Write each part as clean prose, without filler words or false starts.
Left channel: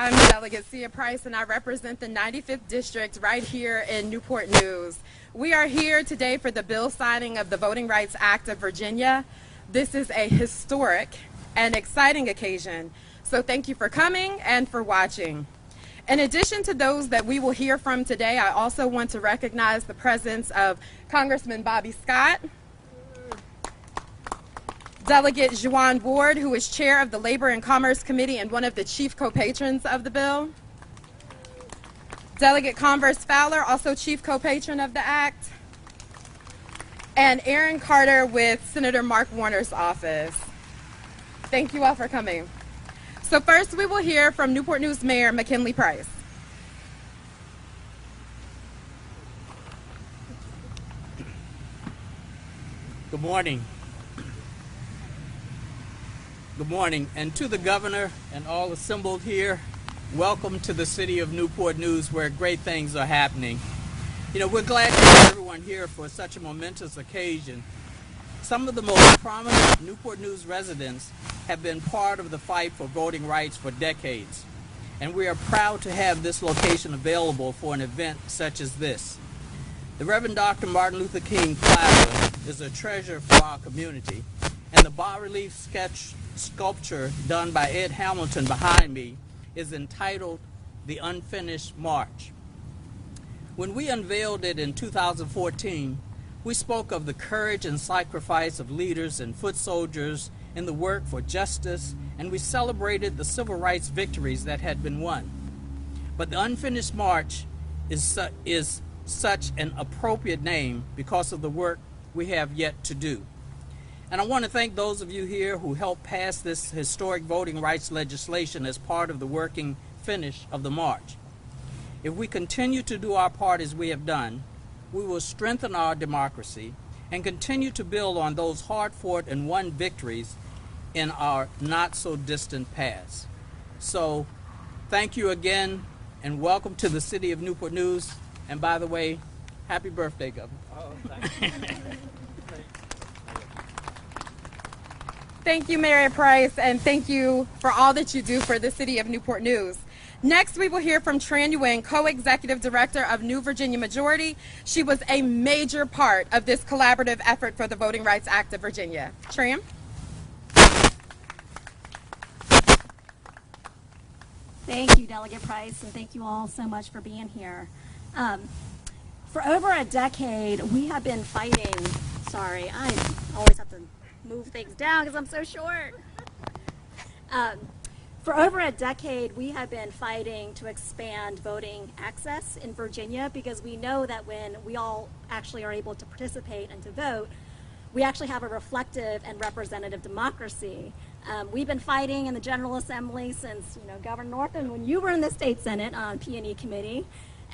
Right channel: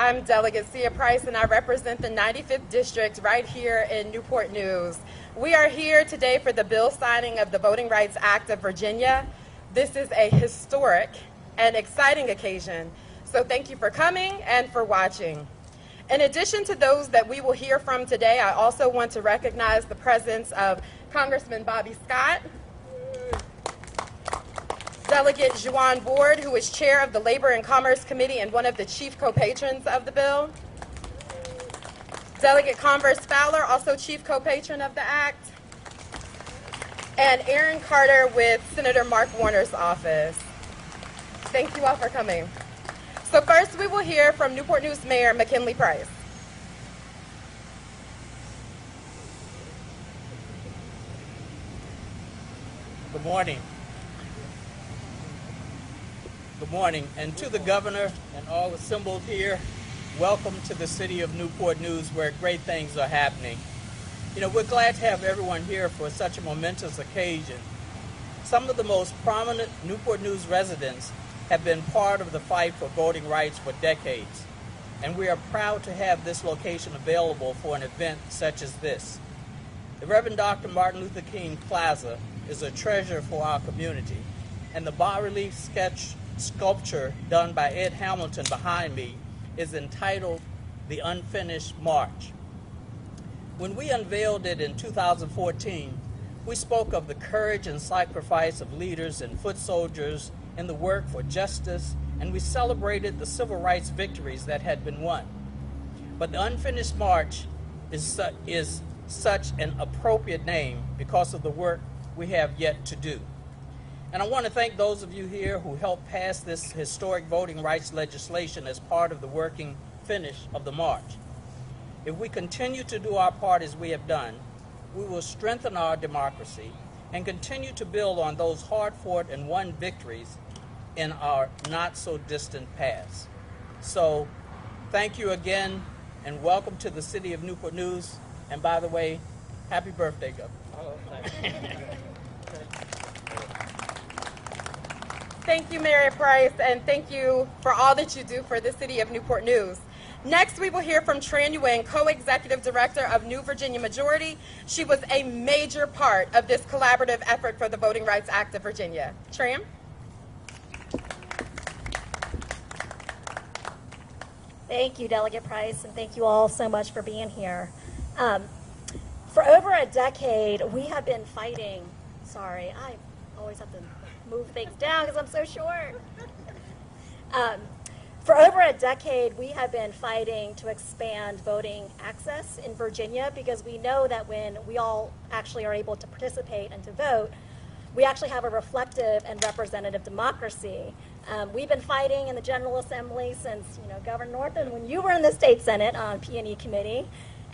I'm Delegate Sia Price, and I represent the 95th District right here in Newport News. We are here today for the bill signing of the Voting Rights Act of Virginia. This is a historic and exciting occasion, so thank you for coming and for watching. In addition to those that we will hear from today, I also want to recognize the presence of Congressman Bobby Scott, Delegate Juan Ward, who is chair of the Labor and Commerce Committee and one of the chief co-patrons of the bill, Delegate Converse Fowler, also chief co-patron of the act, and Aaron Carter with Senator Mark Warner's office. Thank you all for coming. So first we will hear from Newport News Mayor McKinley Price. Good morning. Good morning, and to the governor and all assembled here, welcome to the city of Newport News, where great things are happening. You know, we're glad to have everyone here for such a momentous occasion. Some of the most prominent Newport News residents have been part of the fight for voting rights for decades, and we are proud to have this location available for an event such as this. The Reverend Dr. Martin Luther King Plaza is a treasure for our community, and the bas-relief sculpture done by Ed Hamilton behind me is entitled The Unfinished March. When we unveiled it in 2014, we spoke of the courage and sacrifice of leaders and foot soldiers in the work for justice, and we celebrated the civil rights victories that had been won. But the Unfinished March is such an appropriate name because of the work we have yet to do. And I want to thank those of you here who helped pass this historic voting rights legislation as part of the working finish of the march. If we continue to do our part as we have done, we will strengthen our democracy and continue to build on those hard-fought and won victories in our not-so-distant past. So, thank you again, and welcome to the city of Newport News. And by the way, happy birthday, Governor. Oh, thank you. Thank you, Mayor Price, and thank you for all that you do for the city of Newport News. Next, we will hear from Tran Ewing, co-executive director of New Virginia Majority. She was a major part of this collaborative effort for the Voting Rights Act of Virginia. Tran? Thank you, Delegate Price, and thank you all so much for being here. For over a decade, we have been fighting, sorry, I always have to move things down because I'm so short. For over a decade, we have been fighting to expand voting access in Virginia because we know that when we all actually are able to participate and to vote, we actually have a reflective and representative democracy. We've been fighting in the General Assembly since, Governor Northam, when you were in the State Senate on P&E Committee.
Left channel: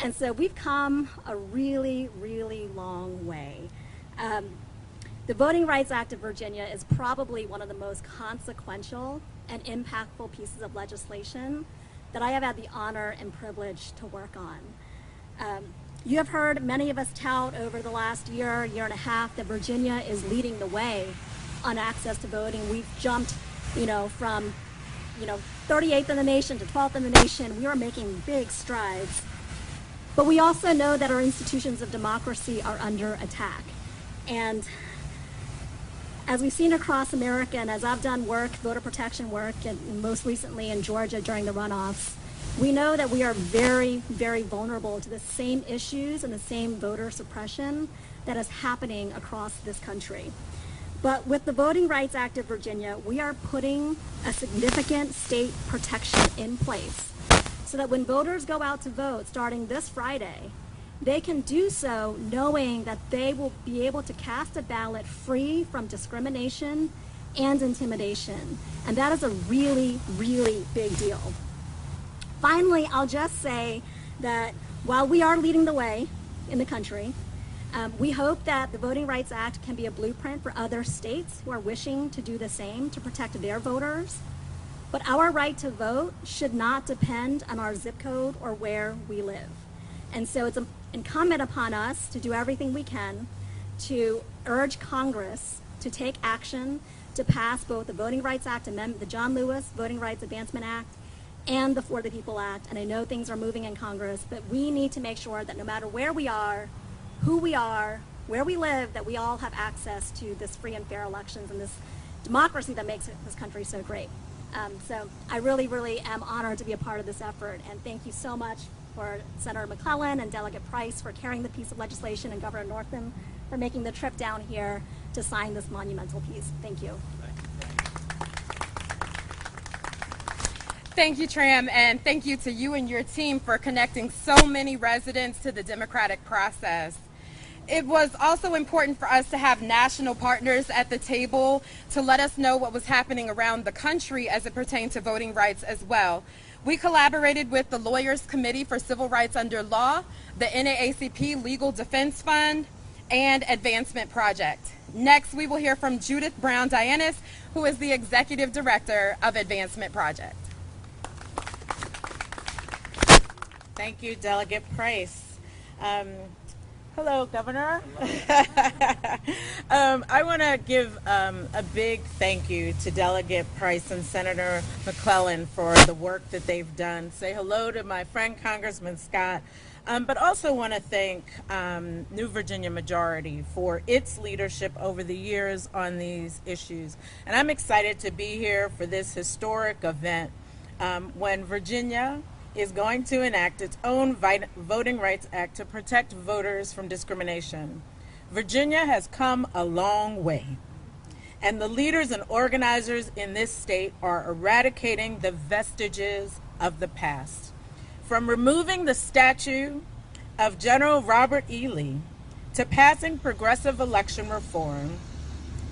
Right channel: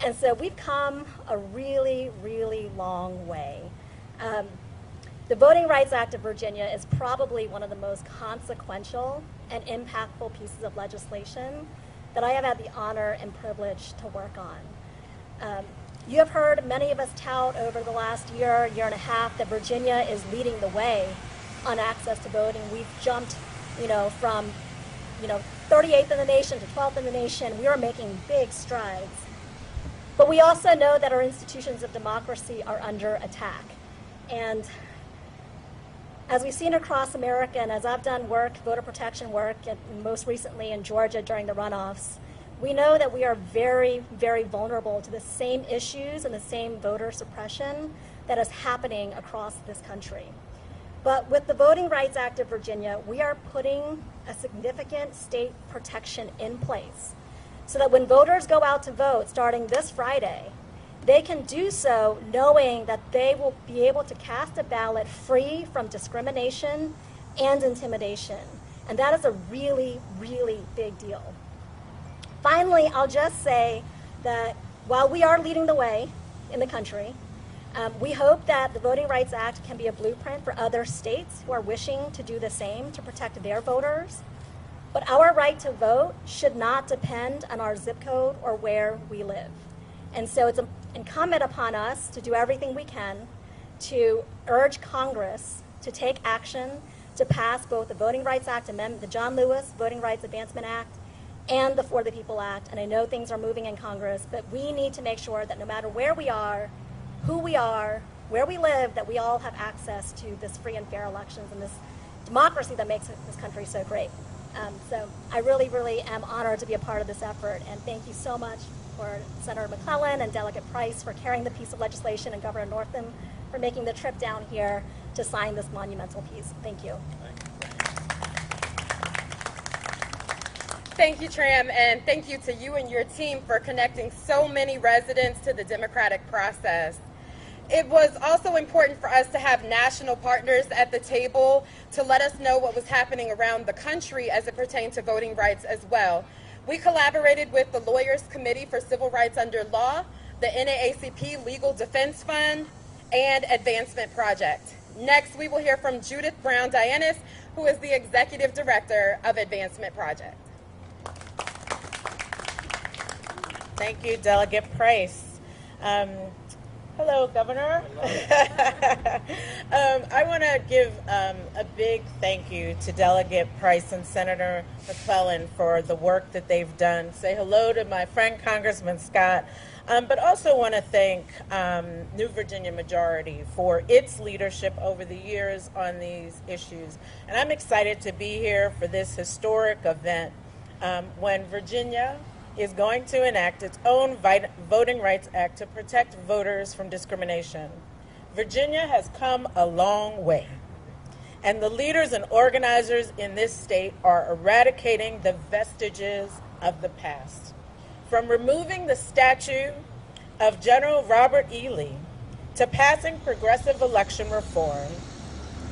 And so we've come a really, really long way. The Voting Rights Act of Virginia is probably one of the most consequential and impactful pieces of legislation that I have had the honor and privilege to work on. You have heard many of us tout over the last year and a half that Virginia is leading the way on access to voting. We've jumped, from 38th in the nation to 12th in the nation. We are making big strides. But we also know that our institutions of democracy are under attack. And as we've seen across America, and as I've done work, voter protection work, and most recently in Georgia during the runoffs, we know that we are very, very vulnerable to the same issues and the same voter suppression that is happening across this country. But with the Voting Rights Act of Virginia, we are putting a significant state protection in place so that when voters go out to vote starting this Friday, they can do so knowing that they will be able to cast a ballot free from discrimination and intimidation. And that is a really, really big deal. Finally, I'll just say that while we are leading the way in the country, we hope that the Voting Rights Act can be a blueprint for other states who are wishing to do the same to protect their voters. But our right to vote should not depend on our zip code or where we live. And so it's incumbent upon us to do everything we can to urge Congress to take action to pass both the Voting Rights Act amendment, the John Lewis Voting Rights Advancement Act, and the For the People Act, and I know things are moving in Congress, but we need to make sure that no matter where we are, who we are, where we live, that we all have access to this free and fair elections and this democracy that makes this country so great. So I really, really am honored to be a part of this effort, and thank you so much for Senator McClellan and Delegate Price for carrying the piece of legislation, and Governor Northam for making the trip down here to sign this monumental piece. Thank you. Thank you, Tram, and thank you to you and your team for connecting so many residents to the democratic process. It was also important for us to have national partners at the table to let us know what was happening around the country as it pertained to voting rights as well. We collaborated with the Lawyers Committee for Civil Rights Under Law, the NAACP Legal Defense Fund, and Advancement Project. Next, we will hear from Judith Brown-Dianis, who is the Executive Director of Advancement Project. Thank you, Delegate Price. Hello, Governor. I want to give a big thank you to Delegate Price and Senator McClellan for the work that they've done. Say hello to my friend Congressman Scott, but also want to thank New Virginia Majority for its leadership over the years on these issues. And I'm excited to be here for this historic event when Virginia is going to enact its own Voting Rights Act to protect voters from discrimination. Virginia has come a long way, and the leaders and organizers in this state are eradicating the vestiges of the past. From removing the statue of General Robert E. Lee, to passing progressive election reform,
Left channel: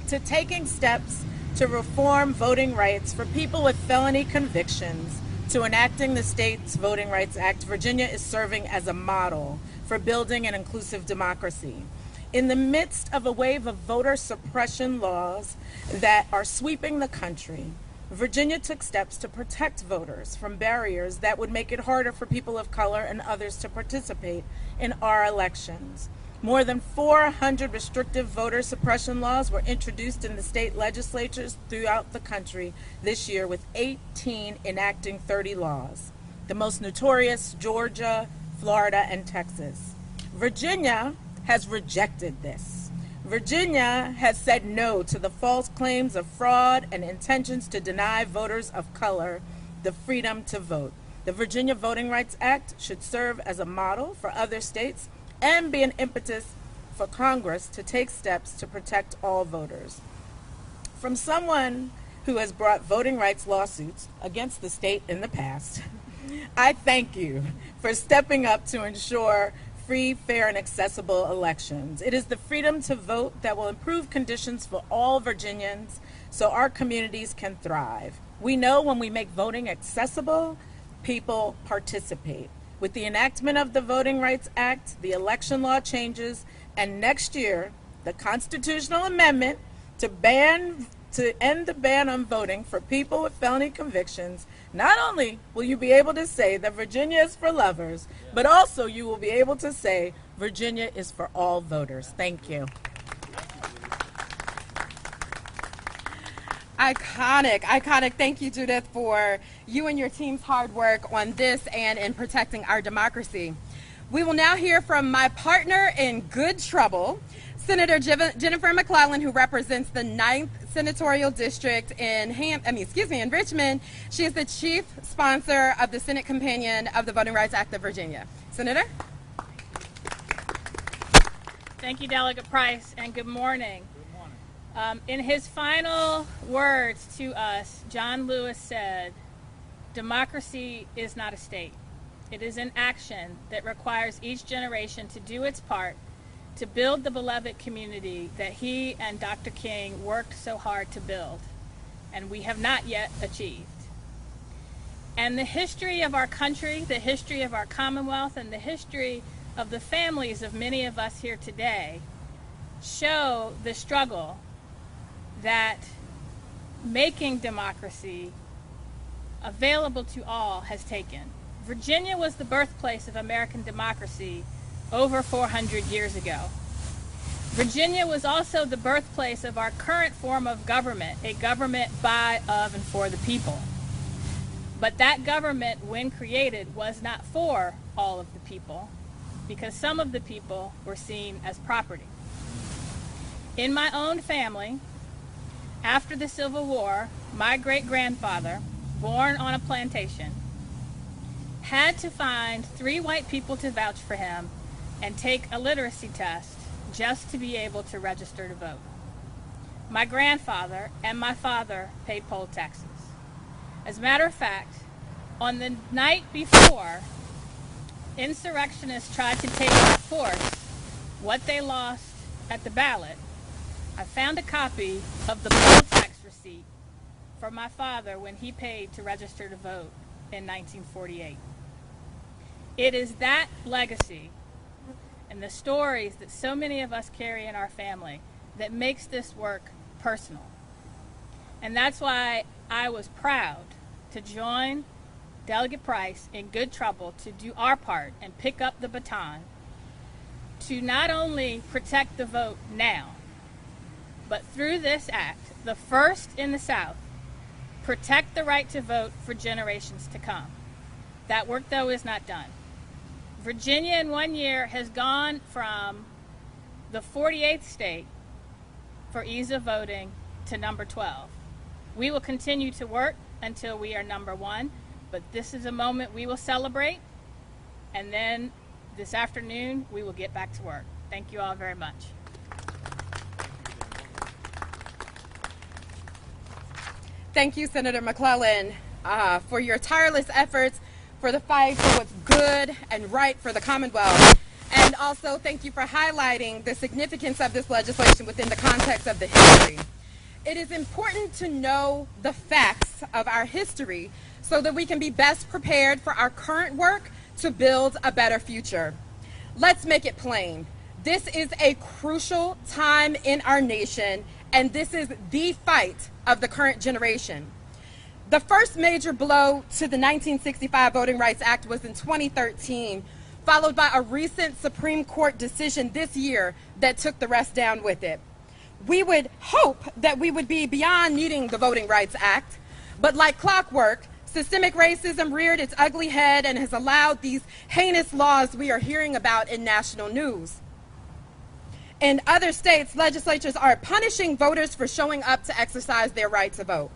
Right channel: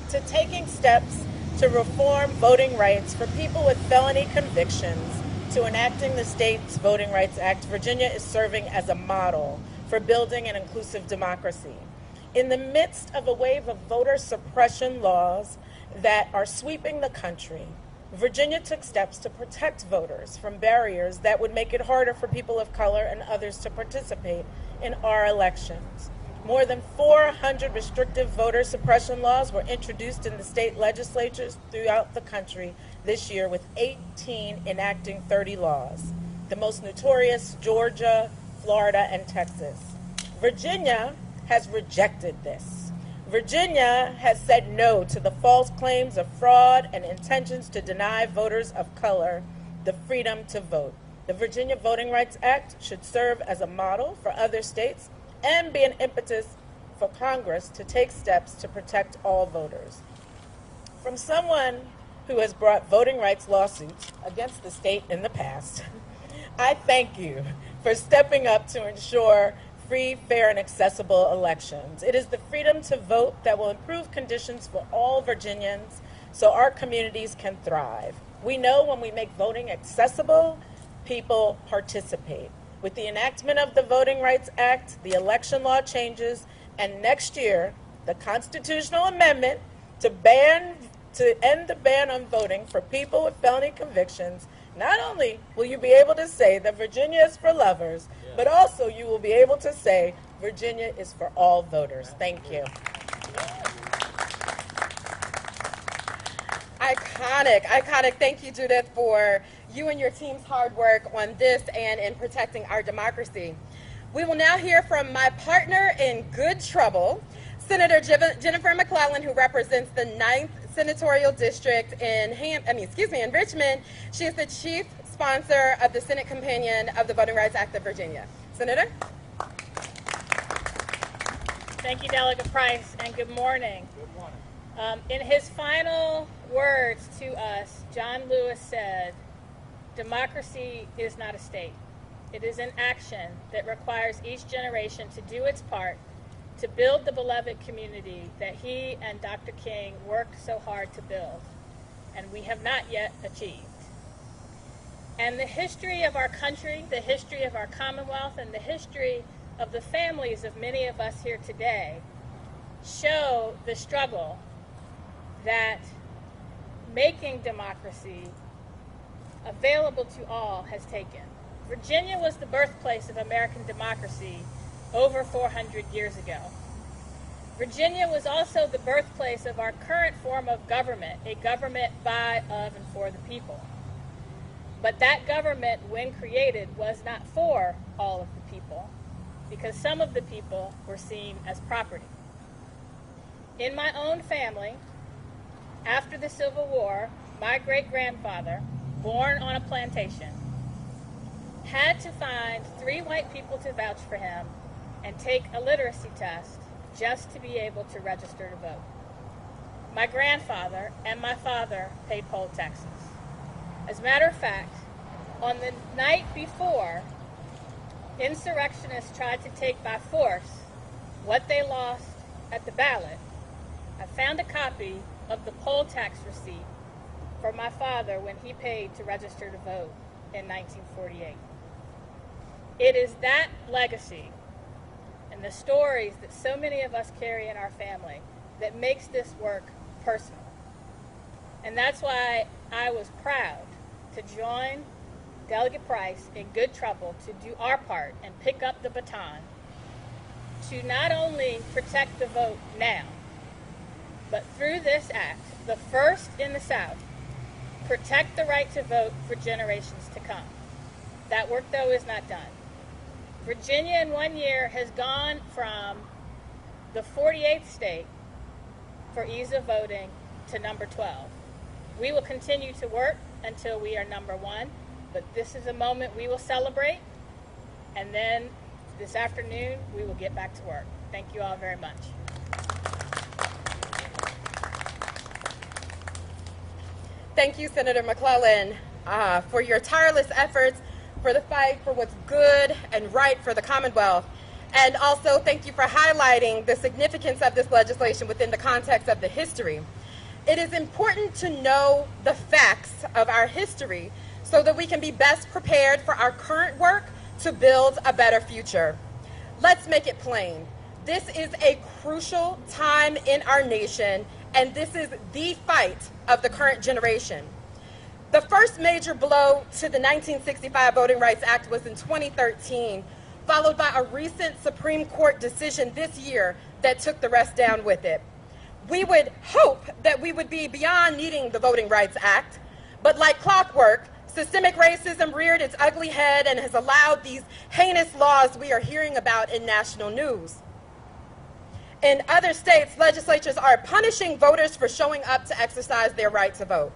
to taking steps to reform voting rights for people with felony convictions, to enacting the state's Voting Rights Act, Virginia is serving as a model for building an inclusive democracy. In the midst of a wave of voter suppression laws that are sweeping the country, Virginia took steps to protect voters from barriers that would make it harder for people of color and others to participate in our elections. More than 400 restrictive voter suppression laws were introduced in the state legislatures throughout the country this year, with 18 enacting 30 laws. The most notorious, Georgia, Florida, and Texas. Virginia has rejected this. Virginia has said no to the false claims of fraud and intentions to deny voters of color the freedom to vote. The Virginia Voting Rights Act should serve as a model for other states and be an impetus for Congress to take steps to protect all voters. From someone who has brought voting rights lawsuits against the state in the past, I thank you for stepping up to ensure free, fair, and accessible elections. It is the freedom to vote that will improve conditions for all Virginians so our communities can thrive. We know when we make voting accessible, people participate. With the enactment of the Voting Rights Act, the election law changes, and next year, the constitutional amendment to end the ban on voting for people with felony convictions, not only will you be able to say that Virginia is for lovers, but also you will be able to say Virginia is for all voters. Thank you. Iconic. Thank you, Judith, for you and your team's hard work on this and in protecting our democracy. We will now hear from my partner in good trouble, Senator Jennifer McClellan, who represents the 9th Senatorial District in Richmond. She is the chief sponsor of the Senate Companion of the Voting Rights Act of Virginia. Senator? Thank you, Delegate Price, and good morning. In his final words to us, John Lewis said, "Democracy is not a state. It is an action that requires each generation to do its part to build the beloved community that he and Dr. King worked so hard to build, and we have not yet achieved." And the history of our country, the history of our Commonwealth, and the history of the families of many of us here today show the struggle that making democracy available to all has taken. Virginia was the birthplace of American democracy over 400 years ago. Virginia was also the birthplace of our current form of government, a government by, of, and for the people. But that government, when created, was not for all of the people, because some of the people were seen as property. In my own family, after the Civil War, my great-grandfather, born on a plantation, had to find 3 white people to vouch for him and take a literacy test just to be able to register to vote. My grandfather and my father paid poll taxes. As a matter of fact, on the night before insurrectionists tried to take by force what they lost at the ballot, I found a copy of the poll tax receipt for my father when he paid to register to vote in 1948. It is that legacy and the stories that so many of us carry in our family that makes this work personal. And that's why I was proud to join Delegate Price in good trouble to do our part and pick up the baton to not only protect the vote now, but through this act, the first in the South, protect the right to vote for generations to come. That work, though, is not done. Virginia in 1 year has gone from the 48th state for ease of voting to number 12. We will continue to work until we are number 1, but this is a moment we will celebrate, and then this afternoon we will get back to work. Thank you all very much. Thank you, Senator McClellan, for your tireless efforts for the fight for what's good and right for the Commonwealth. And also thank you for highlighting the significance of this legislation within the context of the history. It is important to know the facts of our history so that we can be best prepared for our current work to build a better future. Let's make it plain. This is a crucial time in our nation, and this is the fight of the current generation. The first major blow to the 1965 Voting Rights Act was in 2013, followed by a recent Supreme Court decision this year that took the rest down with it. We would hope that we would be beyond needing the Voting Rights Act, but like clockwork, systemic racism reared its ugly head and has allowed these heinous laws we are hearing about in national news. In other states, legislatures are punishing voters for showing up to exercise their right to vote.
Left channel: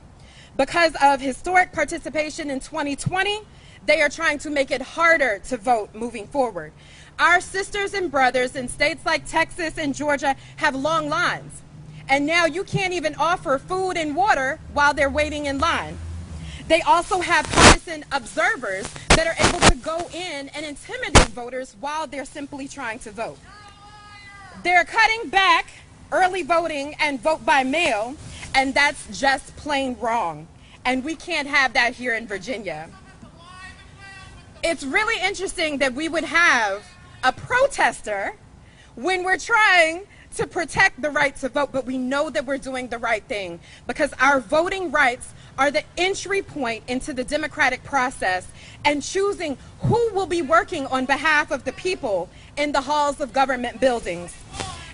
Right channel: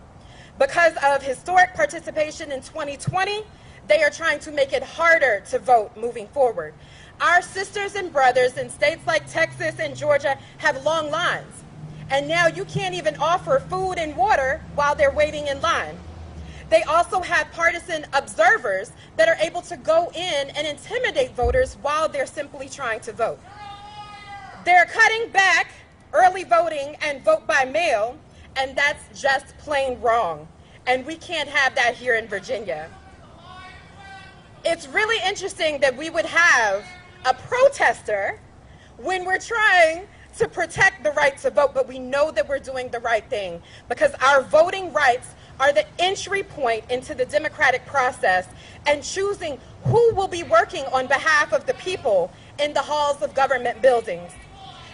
Because of historic participation in 2020, they are trying to make it harder to vote moving forward. Our sisters and brothers in states like Texas and Georgia have long lines. And now you can't even offer food and water while they're waiting in line. They also have partisan observers that are able to go in and intimidate voters while they're simply trying to vote. They're cutting back early voting and vote by mail, and that's just plain wrong. And we can't have that here in Virginia. It's really interesting that we would have a protester when we're trying to protect the right to vote, but we know that we're doing the right thing because our voting rights are the entry point into the democratic process and choosing who will be working on behalf of the people in the halls of government buildings.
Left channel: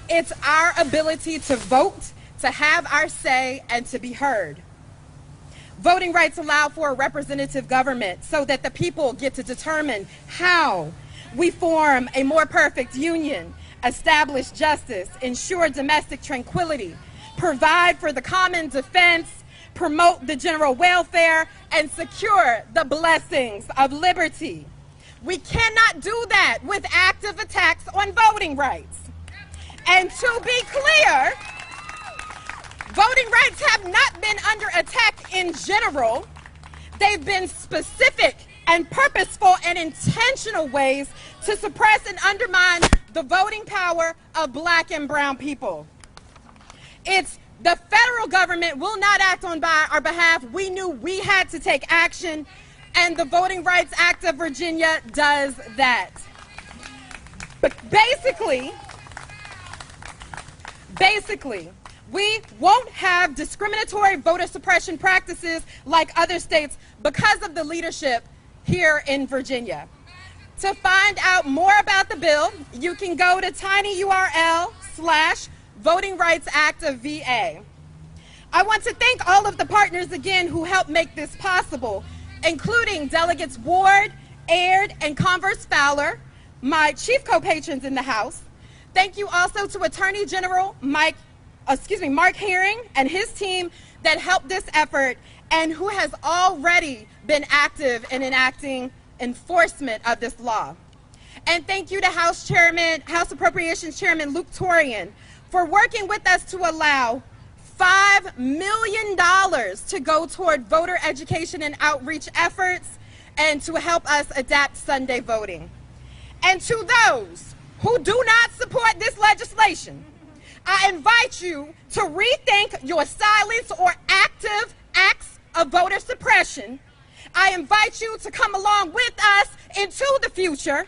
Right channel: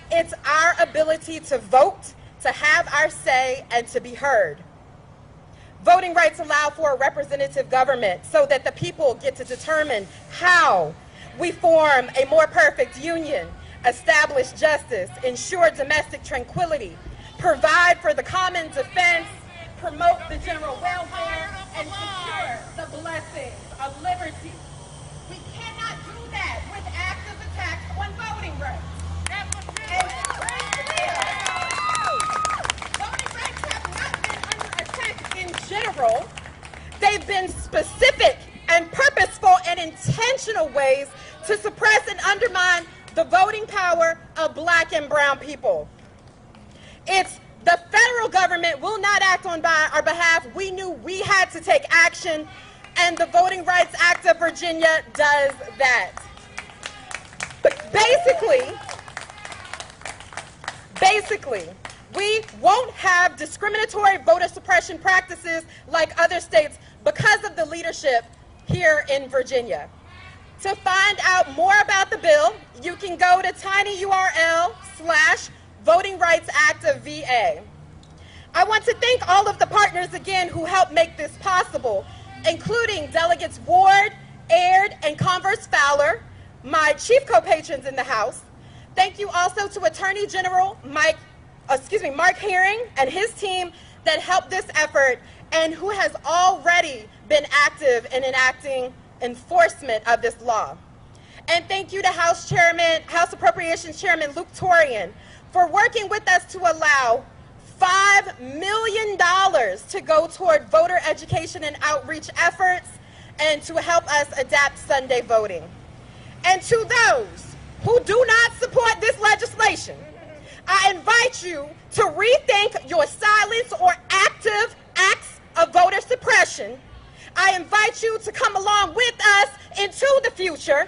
It's our ability to vote, to have our say, and to be heard. Voting rights allow for a representative government so that the people get to determine how we form a more perfect union, establish justice, ensure domestic tranquility, provide for the common defense, promote the general welfare, and secure the blessings of liberty. We cannot do that with active attacks on voting rights. And to be clear, voting rights have not been under attack in general. They've been specific and purposeful and intentional ways to suppress and undermine the voting power of Black and brown people. It's the federal government will not act on our behalf. We knew we had to take action, and the Voting Rights Act of Virginia does that. But basically, we won't have discriminatory voter suppression practices like other states because of the leadership here in Virginia. To find out more about the bill, you can go to tinyurl/Voting Rights Act of VA. I want to thank all of the partners again who helped make this possible. including Delegates Ward, Aird, and Converse Fowler, my chief co-patrons in the House. Thank you also to Attorney General Mark Herring and his team that helped this effort and who has already been active in enacting enforcement of this law. And thank you to House Appropriations Chairman Luke Torian for working with us to allow $5 million to go toward voter education and outreach efforts and to help us adapt Sunday voting. And to those who do not support this legislation, I invite you to rethink your silence or active acts of voter suppression. I invite you to come along with us into the future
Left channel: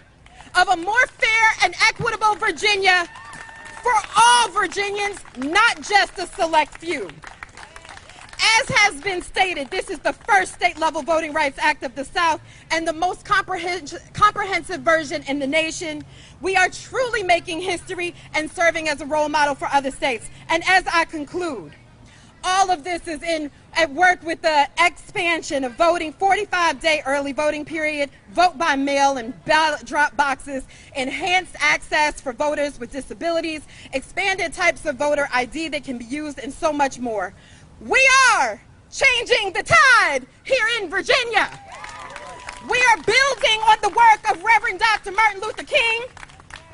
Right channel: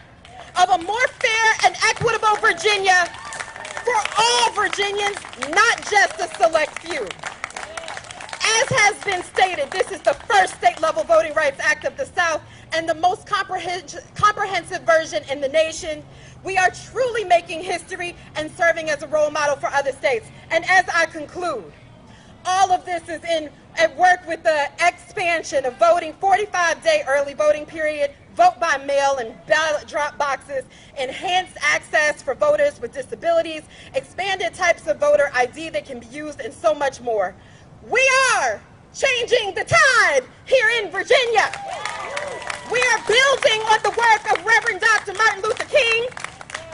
of a more fair and equitable Virginia for all Virginians, not just a select few. As has been stated, this is the first state-level Voting Rights Act of the South and the most comprehensive version in the nation. We are truly making history and serving as a role model for other states. And as I conclude, all of this is at work with the expansion of voting, 45-day early voting period, vote by mail and ballot drop boxes, enhanced access for voters with disabilities, expanded types of voter ID that can be used, and so much more. We are changing the tide here in Virginia. We are building on the work of Reverend Dr. Martin Luther King,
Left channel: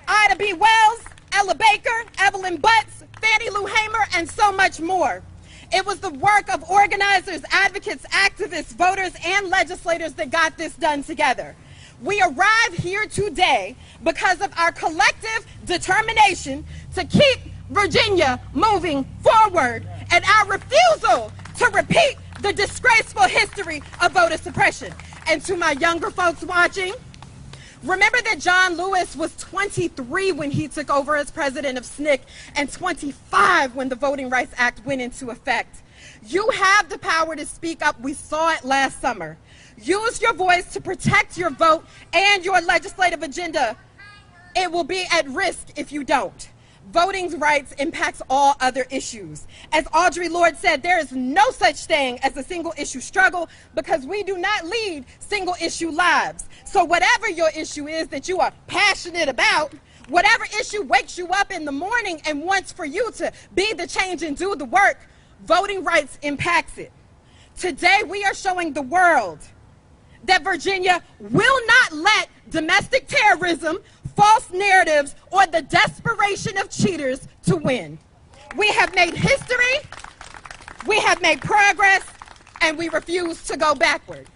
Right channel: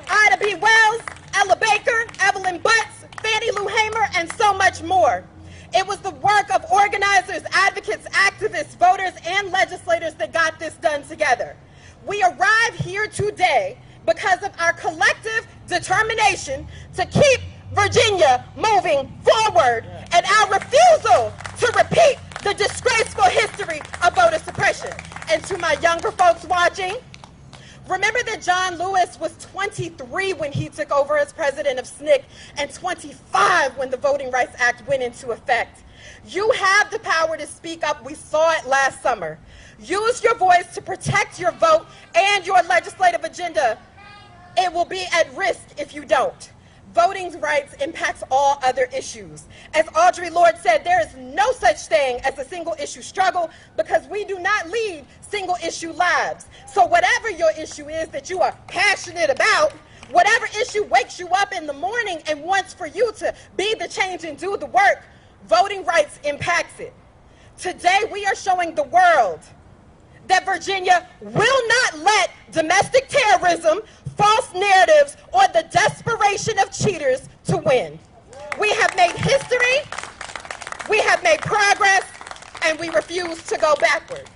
Ida B. Wells, Ella Baker, Evelyn Butts, Fannie Lou Hamer, and so much more. It was the work of organizers, advocates, activists, voters, and legislators that got this done together. We arrive here today because of our collective determination to keep Virginia moving forward and our refusal to repeat the disgraceful history of voter suppression. And to my younger folks watching, remember that John Lewis was 23 when he took over as president of SNCC and 25 when the Voting Rights Act went into effect. You have the power to speak up. We saw it last summer. Use your voice to protect your vote and your legislative agenda. It will be at risk if you don't. Voting rights impacts all other issues. As Audre Lorde said, there is no such thing as a single issue struggle because we do not lead single issue lives. So whatever your issue is that you are passionate about, whatever issue wakes you up in the morning and wants for you to be the change and do the work, voting rights impacts it. Today we are showing the world that Virginia will not let domestic terrorism, false narratives, or the desperation of cheaters to win. We have made history, we have made progress, and we refuse to go backward.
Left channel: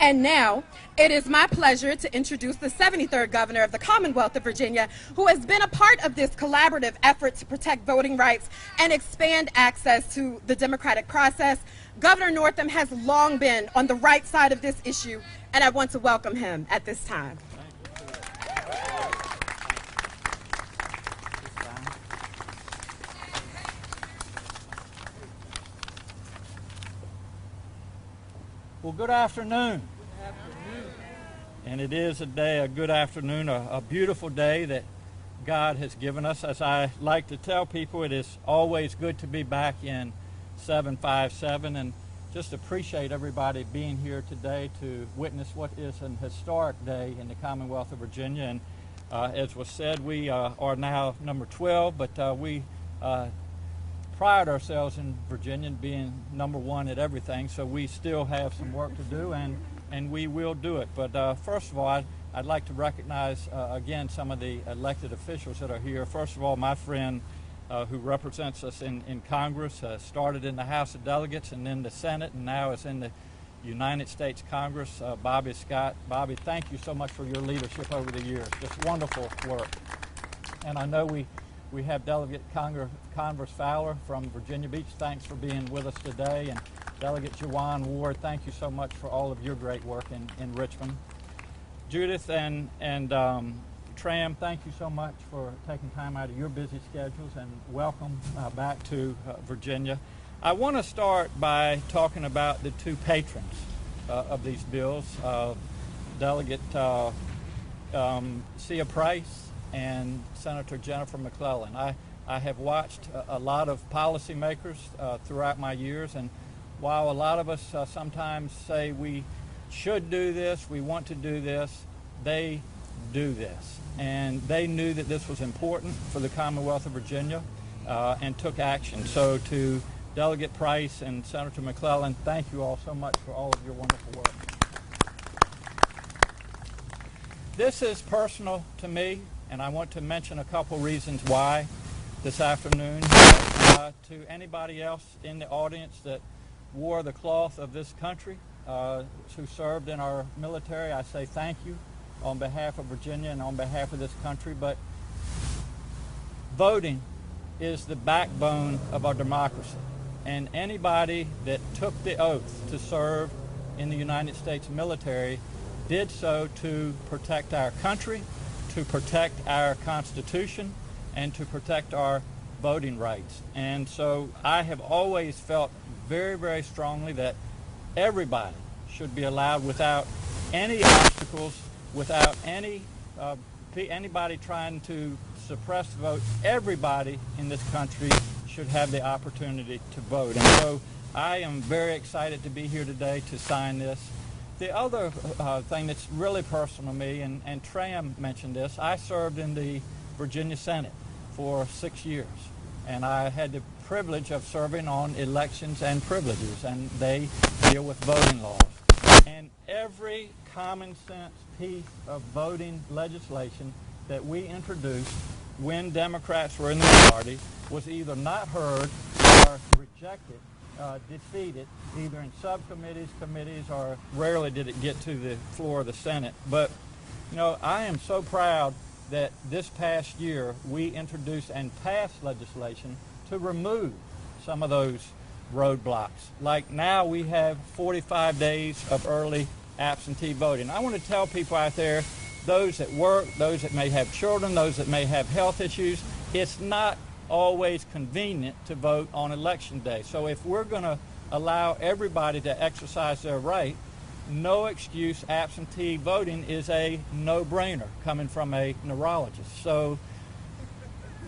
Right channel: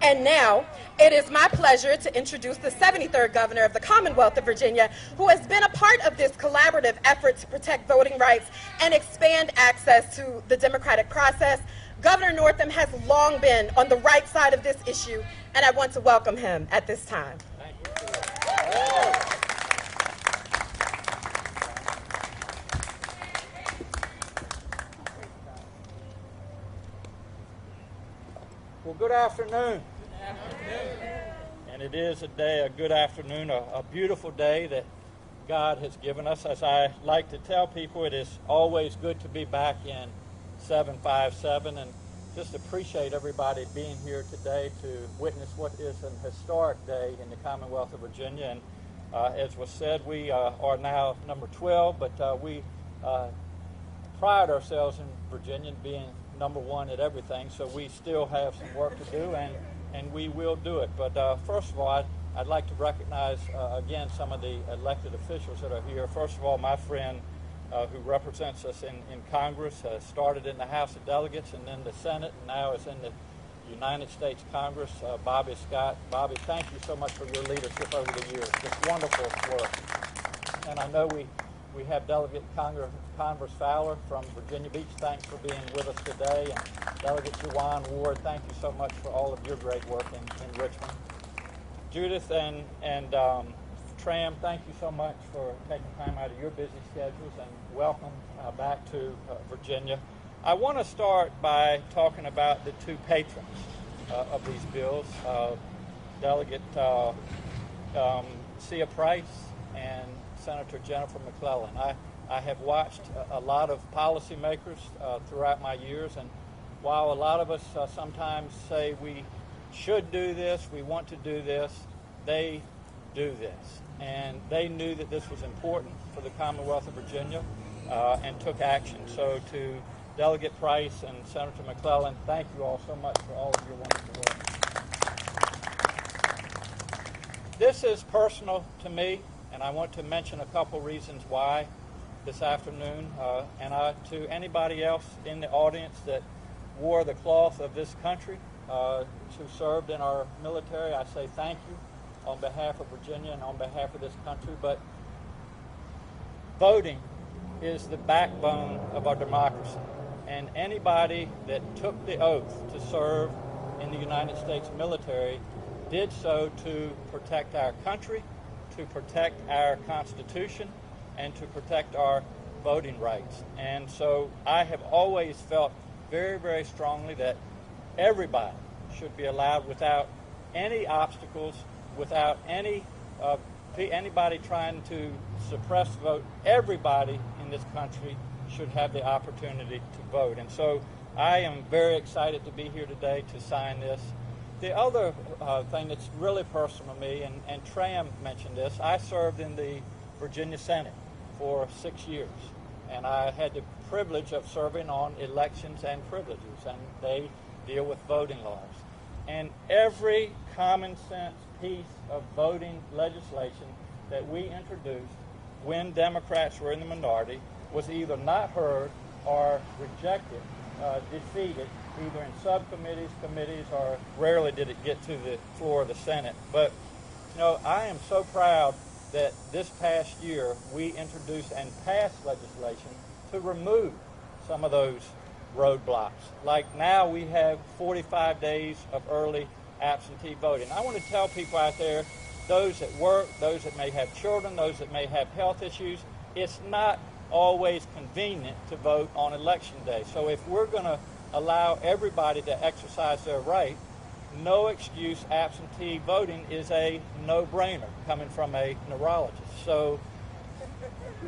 And now, it is my pleasure to introduce the 73rd Governor of the Commonwealth of Virginia, who has been a part of this collaborative effort to protect voting rights and expand access to the democratic process. Governor Northam has long been on the right side of this issue, and I want to welcome him at this time. Well, good afternoon. And it is a good afternoon, a beautiful day that God has given us. As I like to tell people, it is always good to be back in 757 and just appreciate everybody being here today to witness what is an historic day in the Commonwealth of Virginia. And as was said, we are now number 12, but we pride ourselves in Virginia being number one at everything, so we still have some work to do, and we will do it. But first of all, I'd like to recognize again some of the elected officials that are here. First of all, my friend who represents us in Congress, started in the House of Delegates and then the Senate, and now is in the United States Congress, Bobby Scott. Bobby, thank you so much for your leadership over the years. Just wonderful work. And I know we have Delegate Converse Fowler from Virginia Beach. Thanks for being with us today. And Delegate Juwan Ward, thank you so much for all of your great work in Richmond. Judith and Tram, thank you so much for taking time out of your busy schedules, and welcome back to Virginia. I want to start by talking about the two patrons of these bills, Delegate Sia Price and Senator Jennifer McClellan. I have watched a lot of policymakers throughout my years, and while a lot of us sometimes say we should do this, we want to do this, they do this. And they knew that this was important for the Commonwealth of Virginia and took action. So to Delegate Price and Senator McClellan, thank you all so much for all of your wonderful work. This is personal to me, and I want to mention a couple reasons why this afternoon. To anybody else in the audience that wore the cloth of this country, who served in our military, I say thank you on behalf of Virginia and on behalf of this country. But voting is the backbone of our democracy. And anybody that took the oath to serve in the United States military did so to protect our country, to protect our Constitution, and to protect our voting rights. And so I have always felt very, very strongly that everybody should be allowed without any obstacles, without anybody trying to suppress the vote. Everybody in this country should have the opportunity to vote. And so I am very excited to be here today to sign this. The other thing that's really personal to me, and Tram mentioned this, I served in the Virginia Senate for 6 years, and I had the privilege of serving on elections and privileges, and they deal with voting laws. And every common sense piece of voting legislation that we introduced when Democrats were in the majority was either not heard or rejected, defeated, either in subcommittees, committees, or rarely did it get to the floor of the Senate. But, you know, I am so proud that this past year we introduced and passed legislation to remove some of those roadblocks. Like now we have 45 days of early absentee voting. I want to tell people out there, those that work, those that may have children, those that may have health issues, it's not always convenient to vote on election day. So if we're going to allow everybody to exercise their right, no excuse absentee voting is a no-brainer coming from a neurologist. So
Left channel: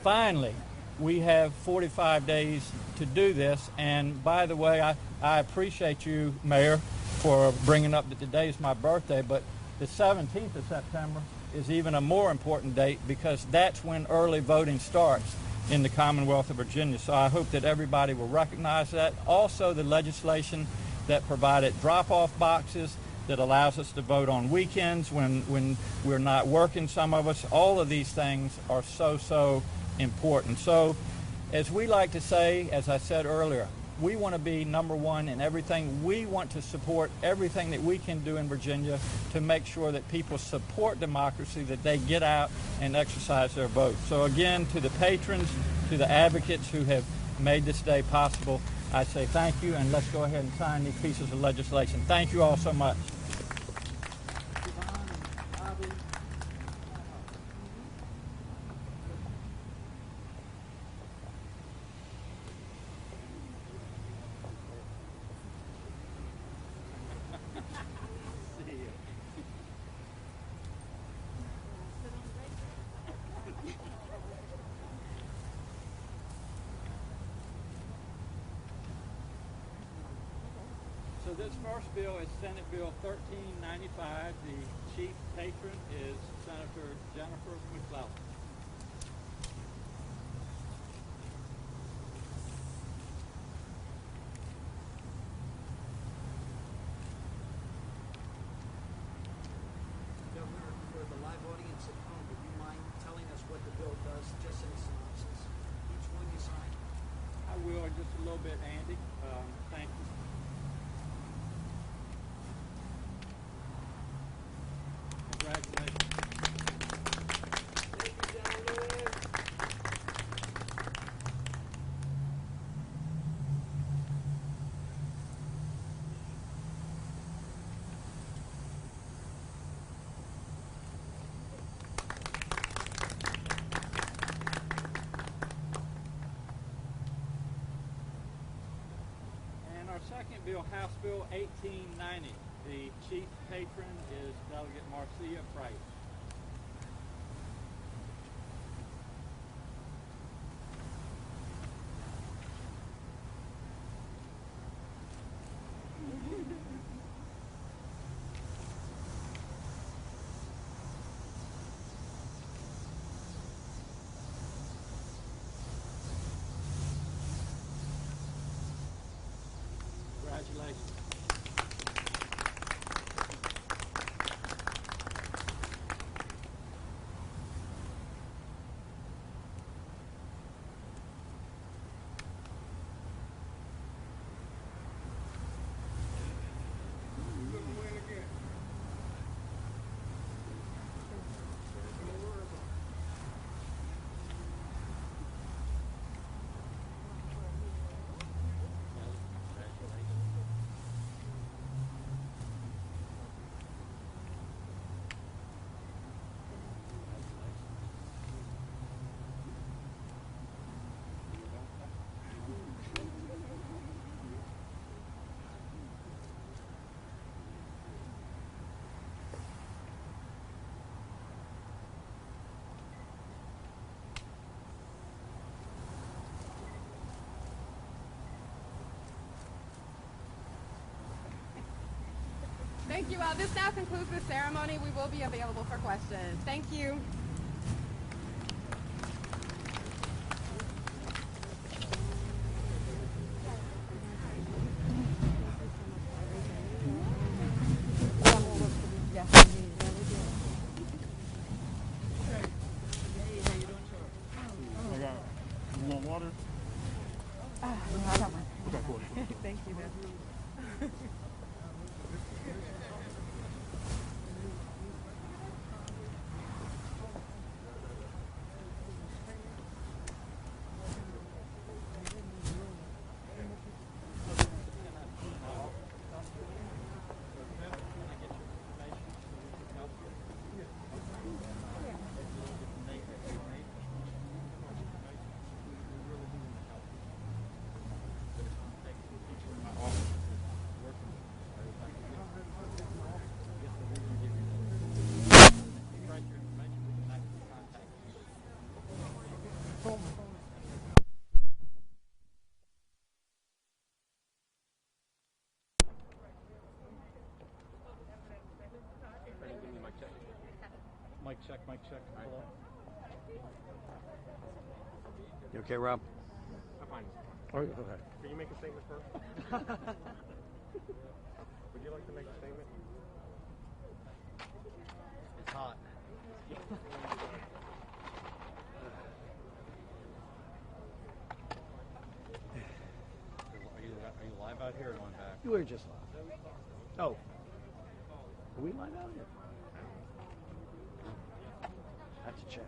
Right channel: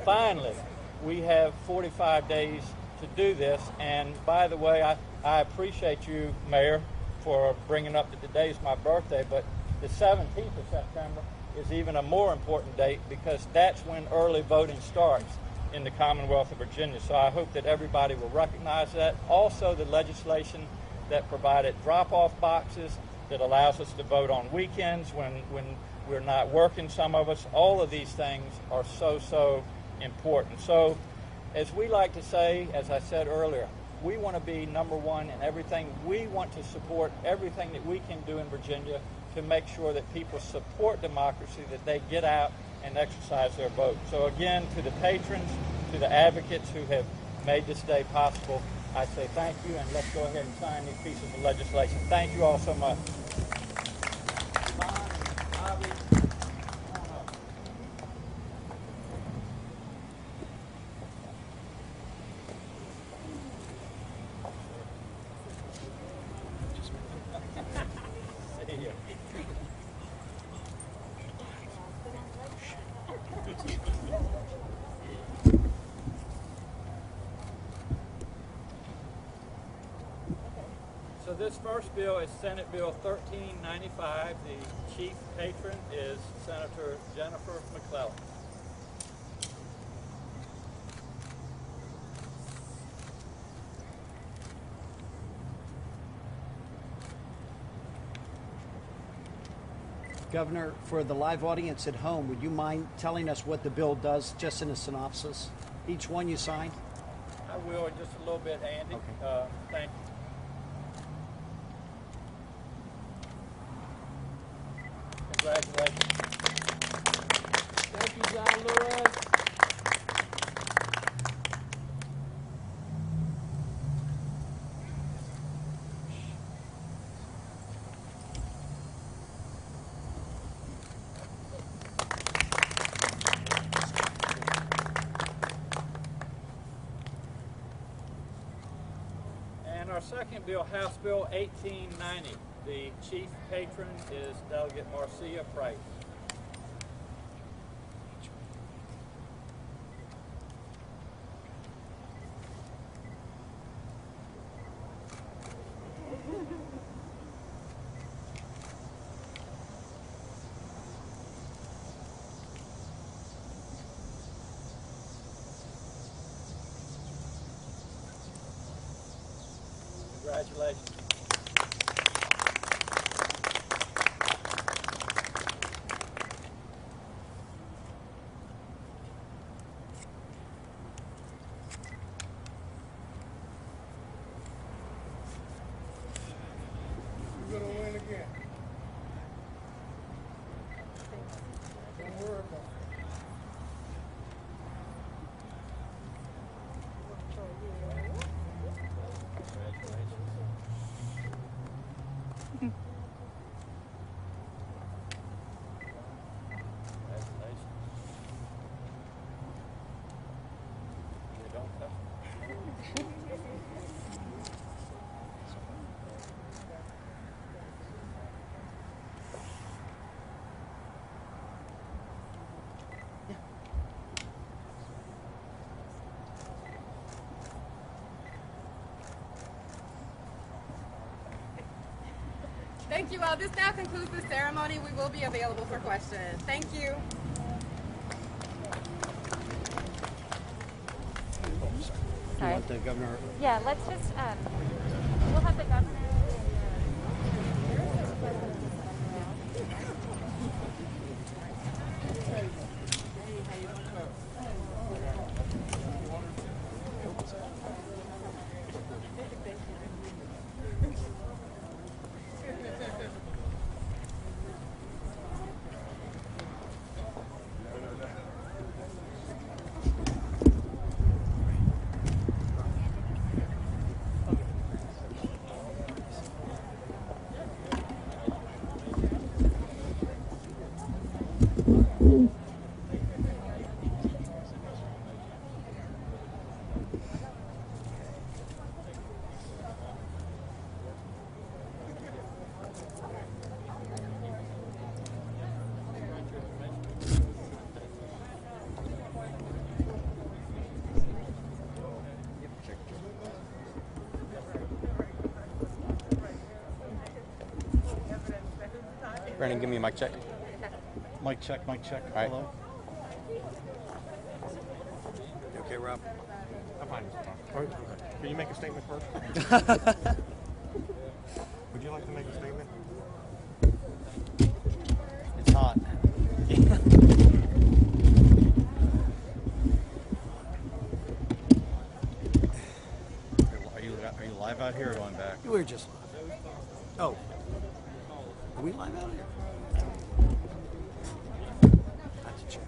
finally, we have 45 days to do this. And by the way, I appreciate you, Mayor, for bringing up that today is my birthday, but the 17th of September is even a more important date because that's when early voting starts in the Commonwealth of Virginia. So I hope that everybody will recognize that. Also, the legislation that provided drop-off boxes that allows us to vote on weekends when we're not working, some of us. All of these things are so important. So as we like to say, as I said earlier, we want to be number one in everything. We want to support everything that we can do in Virginia to make sure that people support democracy, that they get out and exercise their vote. So again, to the patrons, to the advocates who have made this day possible, I say thank you, and let's go ahead and sign these pieces of legislation. Thank you all so much. So this first bill is Senate Bill 1395. The chief patron is Senator Jennifer McClellan. Governor, for the live audience at home, would you mind telling us what the bill does, just in a synopsis? Each one you sign? I will in just a little bit, Andy. Okay. Thank you. Congratulations. Thank you, John Lewis. And our second bill, House Bill 1890. The chief patron is Delegate Marcia Price. Thank you all. This now concludes the ceremony. We will be available for questions. Thank you. You want the governor? Yeah, let's just, we'll have the governor. Brandon, give me a mic check. Mic check, mic check. All right. Hello? You okay, Rob? I'm fine. All right, okay. Can you make a statement first? Would you like to make a statement? It's hot. Are you live out here or going back? We're just live. Oh. Are we live out here? Have to check.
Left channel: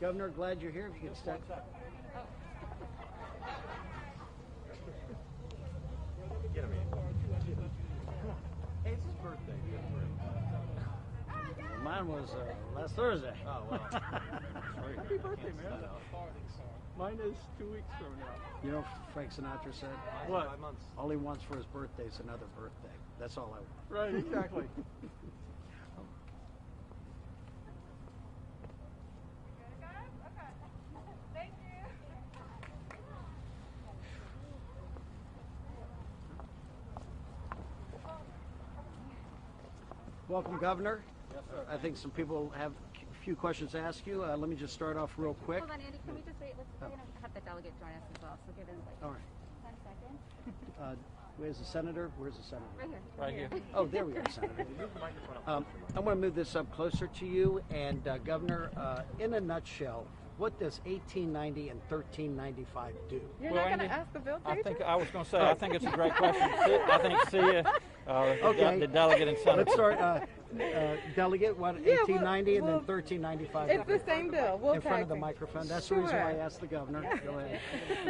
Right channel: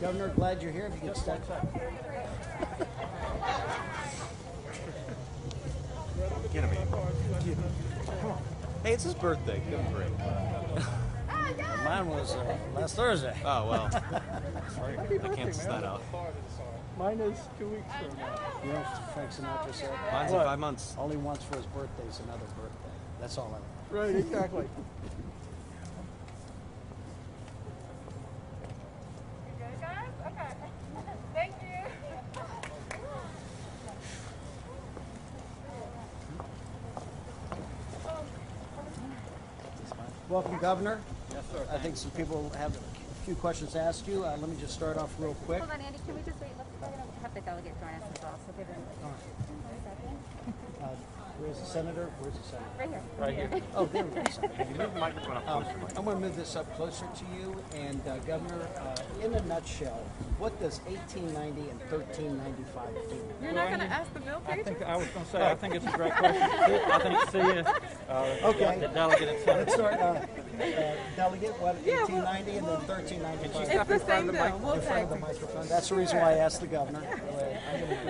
Governor, glad you're here. If you could step. Get him in. Hey, it's his birthday. Give him a break. Mine was last Thursday. Oh, well. Sorry. I cancels that out. Mine is 2 weeks from now. You know, Frank Sinatra said, Mine's in 5 months. all he wants for his birthday is another birthday. That's all I want. Right, exactly. Welcome, Governor. Yes, sir. I think some people have a few questions to ask you. Let me just start off real quick. Hold on, Andy, can we just wait? We're going to have the delegate join us as well, so give him All right. Where's the senator? Where's the senator? right here. Right here. Oh, there we go, Senator. You move the microphone up closer. I'm going to move this up closer to you. And Governor, in a nutshell, what does 1890 and 1395 do? You're not going to ask the bill I preacher? think I was going to say, I think it's a great question. I think see it. Okay. The delegate and senator. Let's start. Delegate, what, 1890 and then 1395? It's the same bill. We'll In front of the tag team. microphone. That's the reason why I asked the governor.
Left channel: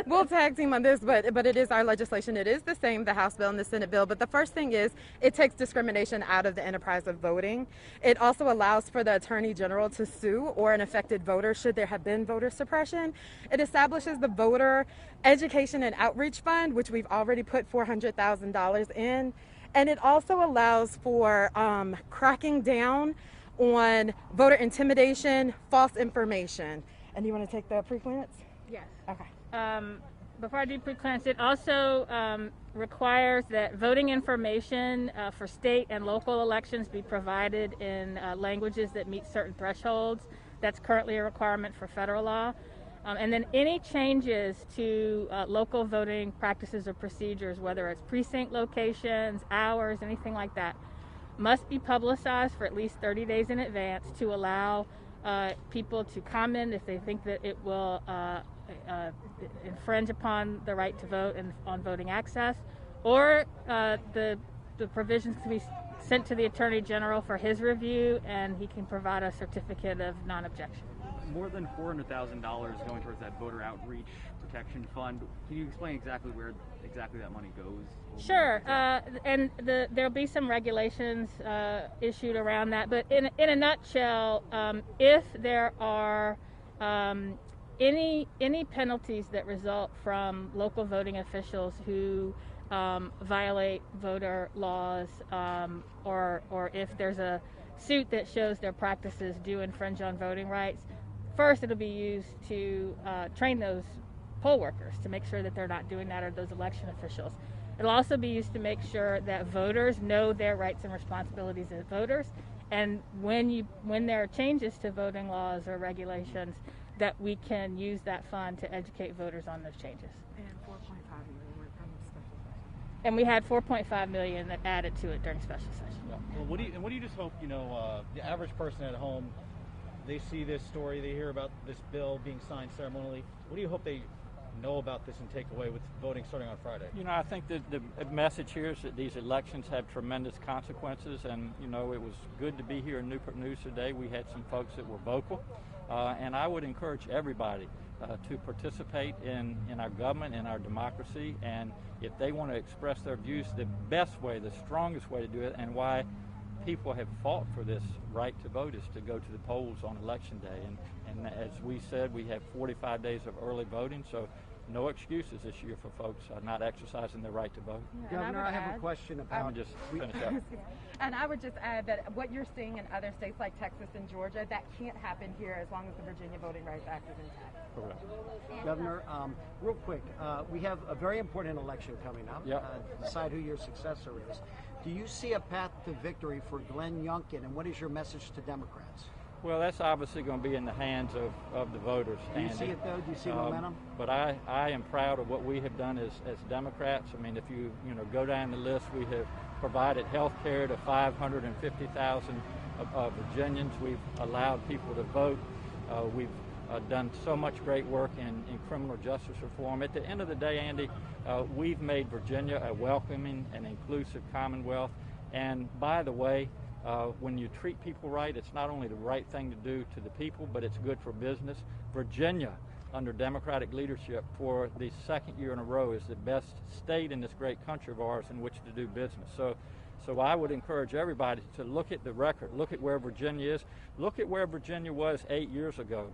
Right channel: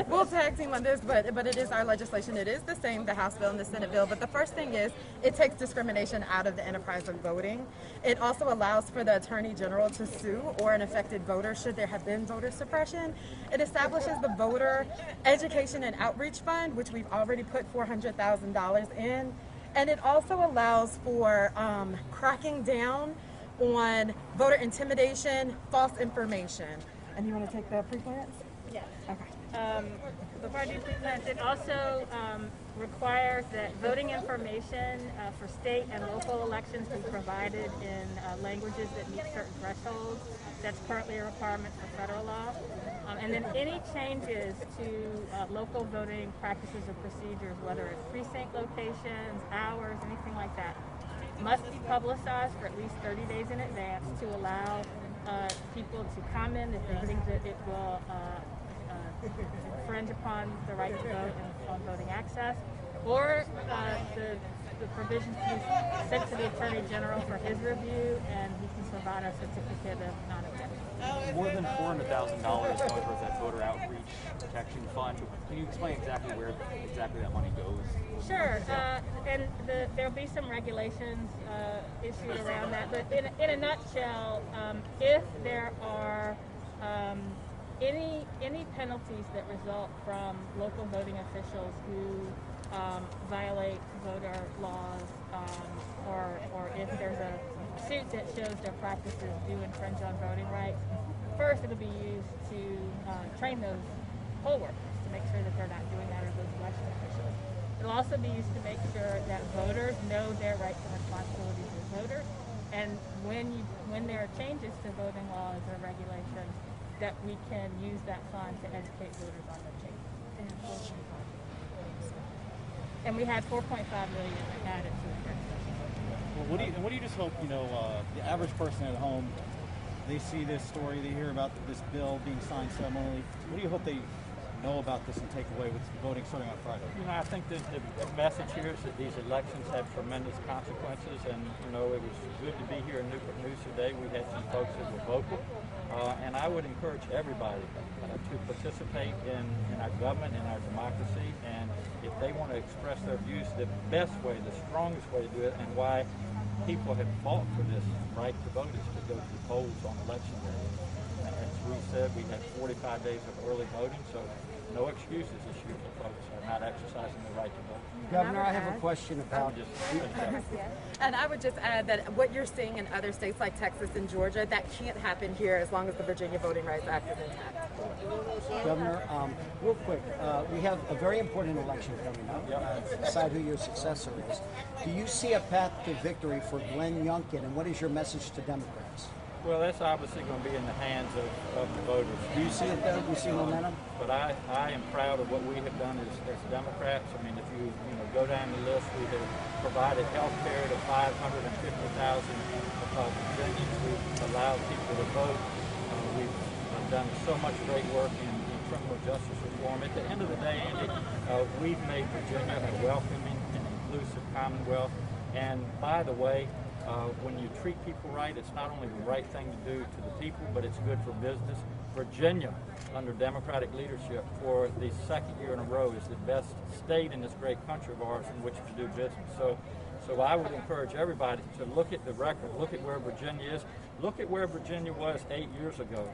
We'll tag team on this, but it is our legislation. It is the same, the House bill and the Senate bill. But the first thing is it takes discrimination out of the enterprise of voting. It also allows for the Attorney General to sue or an affected voter should there have been voter suppression. It establishes the Voter Education and Outreach Fund, which we've already put $400,000 in. And it also allows for cracking down on voter intimidation, false information. And you want to take the pre-clearance? Yes. Okay. Before I do pre-clearance, it also requires that voting information for state and local elections be provided in languages that meet certain thresholds. That's currently a requirement for federal law. And then any changes to local voting practices or procedures, whether it's precinct locations, hours, anything like that, must be publicized for at least 30 days in advance to allow people to comment if they think that it will infringe upon the right to vote and on voting access, or the provisions to be sent to the Attorney General for his review, and he can provide a certificate of non-objection. More than $400,000 going towards that voter outreach protection fund. Can you explain exactly where that money goes? Sure, and there'll be some regulations issued around that, but in a nutshell, if there are any penalties that result from local voting officials who violate voter laws, or if there's a suit that shows their practices do infringe on voting rights, first it'll be used to train those poll workers to make sure that they're not doing that, or those election officials. It'll also be used to make sure that voters know their rights and responsibilities as voters, and when there are changes to voting laws or regulations, that we can use that fund to educate voters on those changes. And we had $4.5 million that added to it during special session. Well, what do you just hope, the average person at home, they see this story, they hear about this bill being signed ceremonially. What do you hope they know about this and take away with voting starting on Friday? I think that the message here is that these elections have tremendous consequences, and it was good to be here in Newport News today. We had some folks that were vocal, and I would encourage everybody to participate in our government, in our democracy, and if they want to express their views, the best way, the strongest way to do it, and why people have fought for this right to vote is to go to the polls on election day. And as we said, we had 45 days of early voting, so no excuses this year for folks not exercising the right to vote. Governor, I have a question about Just finish up. And I would just add that what you're seeing in other states like Texas and Georgia, that can't happen here as long as the Virginia Voting Rights Act is intact. Governor, real quick, we have a very important election coming up. Decide who your successor is. Do you see a path to victory for Glenn Youngkin, and what is your message to Democrats? Well, that's obviously going to be in the hands of the voters. Do you see it there? Do you see momentum? But I am proud of what we have done as Democrats. I mean, if you go down the list, we have provided health care to 550,000 Virginians. We've allowed people to vote. We've done so much great work in criminal justice reform. At the end of the day, Andy, we've made Virginia a welcoming and inclusive Commonwealth. And by the way, when you treat people right, it's not only the right thing to do to the people, but it's good for business. Virginia, under Democratic leadership for the second year in a row, is the best state in this great country of ours in which to do business. So I would encourage everybody to look at the record, look at where Virginia is, look at where Virginia was 8 years ago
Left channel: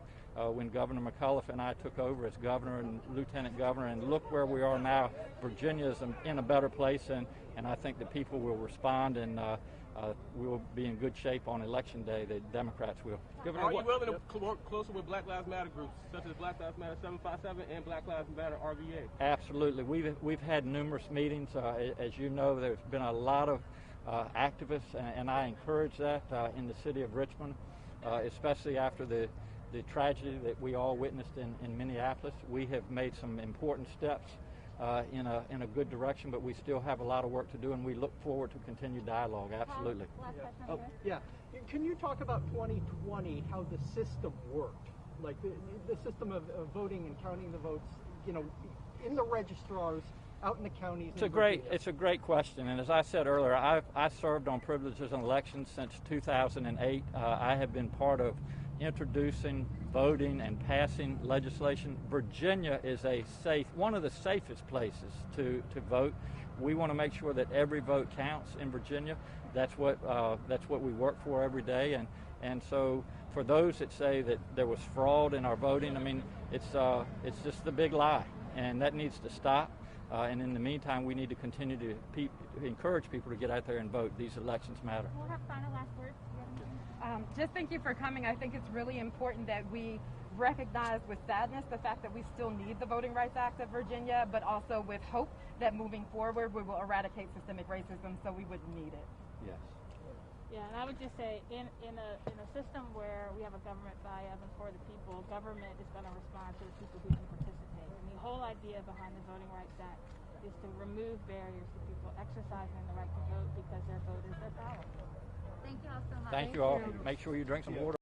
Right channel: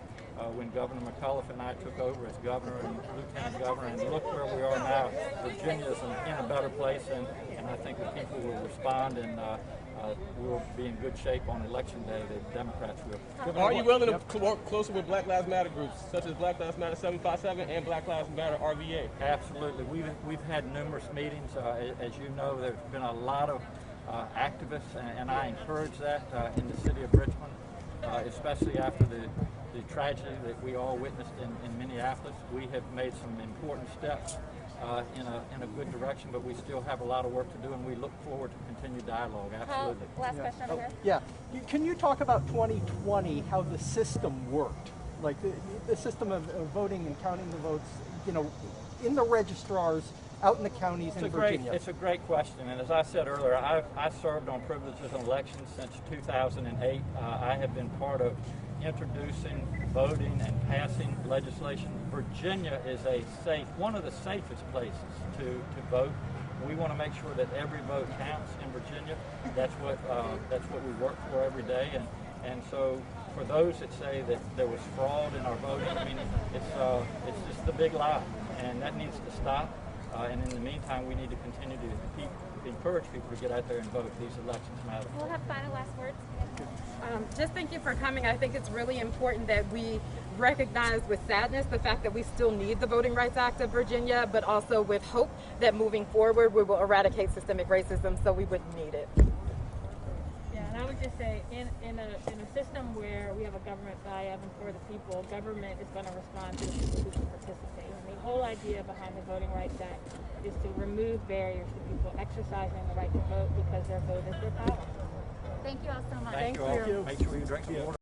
when Governor McAuliffe and I took over as governor and lieutenant governor, and look where we are now. Virginia is in a better place, and I think the people will respond, and we'll be in good shape on election day. The Democrats will. Are you willing to work closer with Black Lives Matter groups, such as Black Lives Matter 757 and Black Lives Matter RVA? Absolutely. We've had numerous meetings. As you know, there's been a lot of activists, and I encourage that in the city of Richmond, especially after the tragedy that we all witnessed in Minneapolis. We have made some important steps in a good direction, but we still have a lot of work to do, and we look forward to continued dialogue. Absolutely. Last question over here. Yeah. Can you talk about 2020, how the system worked? Like the system of voting and counting the votes, in the registrars, out in the counties in Virginia? It's a great question, and as I said earlier, I served on privileges and elections since 2008. I have been part of introducing, voting, and passing legislation. Virginia is one of the safest places to vote. We want to make sure that every vote counts in Virginia. That's what we work for every day, and so for those that say that there was fraud in our voting, I mean, it's just a big lie, and that needs to stop. And in the meantime, we need to continue to encourage people to get out there and vote. These elections matter. We'll have final last words. Just thank you for coming. I think it's really important that we recognize with sadness the fact that we still need the Voting Rights Act of Virginia, but also with hope that moving forward we will eradicate systemic racism so we wouldn't need it. Yeah, and I would just say, in a system where we have a government by of and for the people, government is going to respond to the people who participate. And the whole idea behind the Voting Rights Act is to remove barriers to people exercising the right to vote because their vote is their power. Thank you all so much. Thank you all. Make sure you drink some water.